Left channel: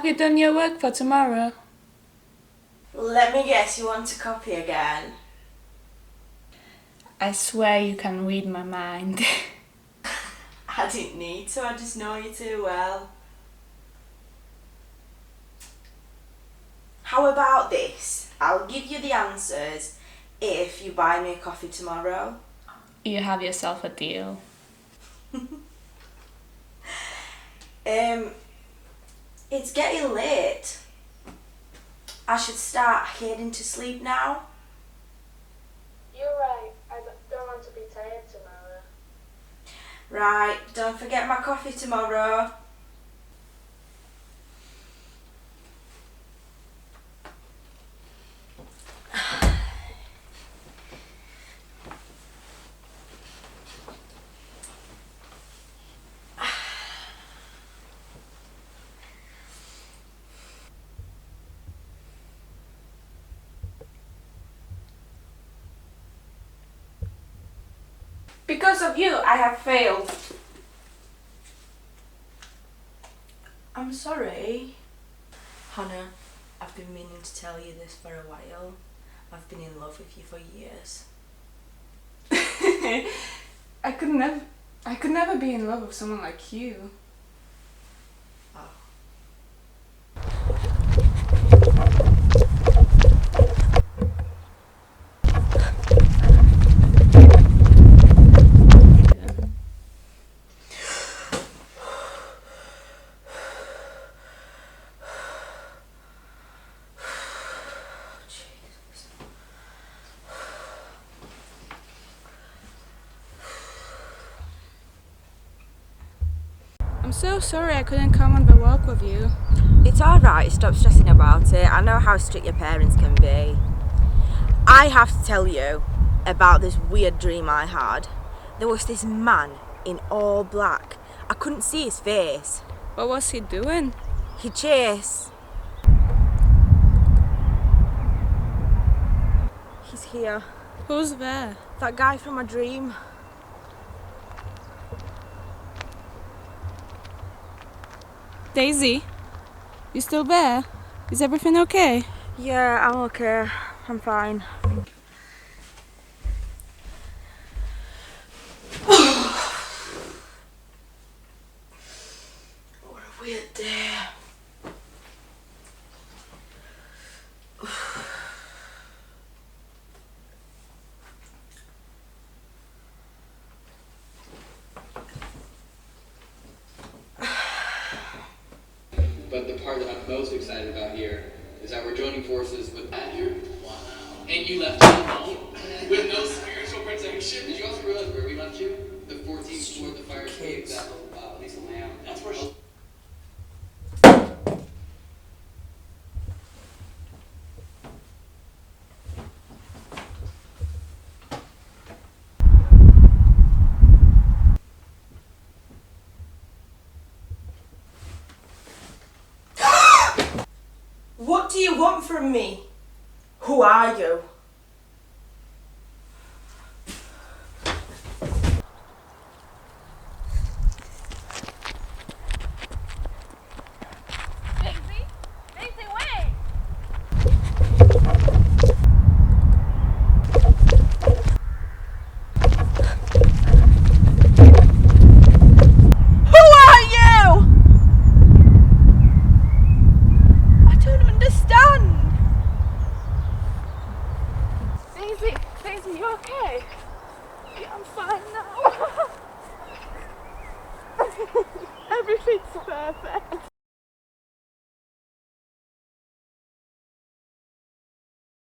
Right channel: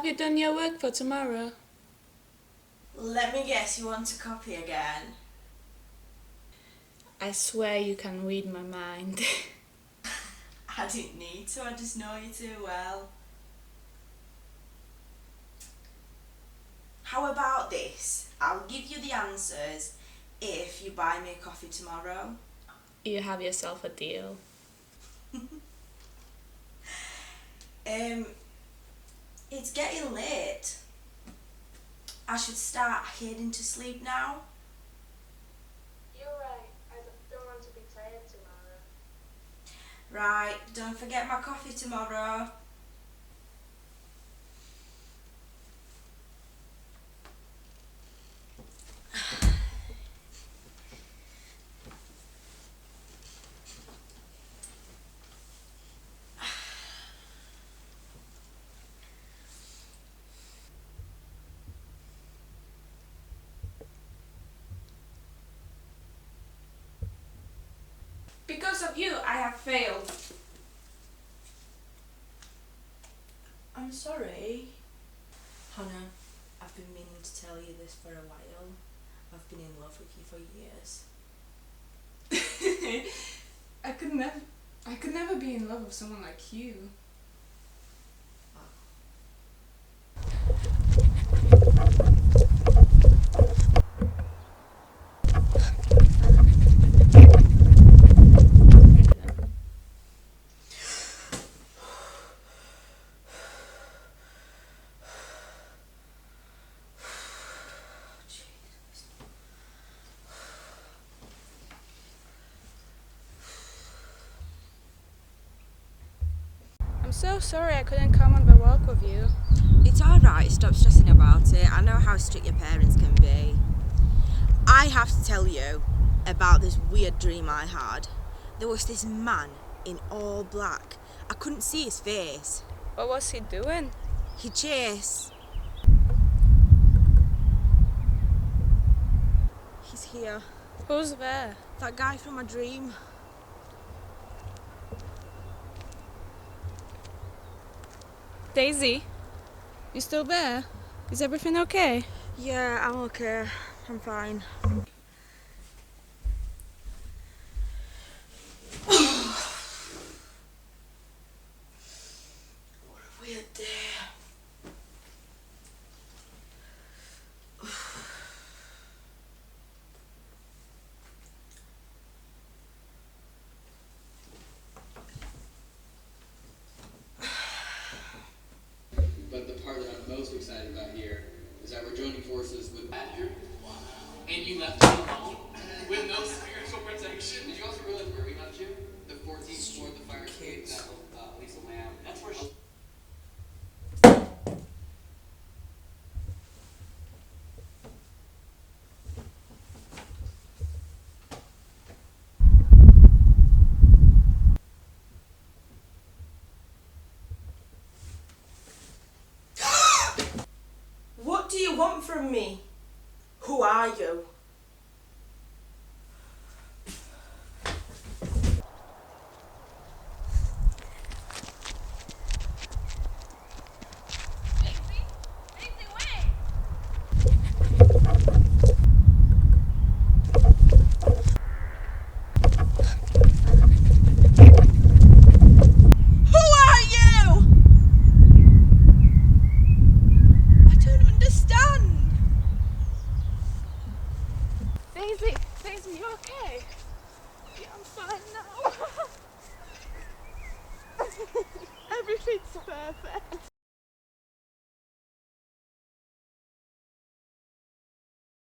Have you done your work for tomorrow? Let me guess, you want to copy again? I swear you can read my mind. I didn't need to, I just know you too well. How about this? I'll give you the answers if you buy me a coffee tomorrow. You have yourself a deal. It's getting late. I should start heading to sleep now. You're right. I don't want to be tired tomorrow. Right, don't forget my coffee tomorrow. Because of you, I have failed. I'm sorry. Hannah, I've been meaning to tell you this for a while. I've been in love with you for years. I could never be in love with someone like you. Oh. I'm so sorry I couldn't come on the walk with you. It's alright, stop stressing about it. I know how strict your parents can be. I have to tell you about this weird dream I had. There was this man in all black. I couldn't see his face. What was he doing? He chased. He's here. Who's there? That guy from my dream. Daisy, you still there? Is everything okay? Yeah, I'm okay. I'm fine. What a weird day. But the part that I'm most excited about here is that we're joining forces with Andrew. Wow. And you left him alone with no spiritual protection. Did you also realize where we left you? The 14th floor of the fire escape that Lisa Lamb. That's where she... What do you want from me? Who are you?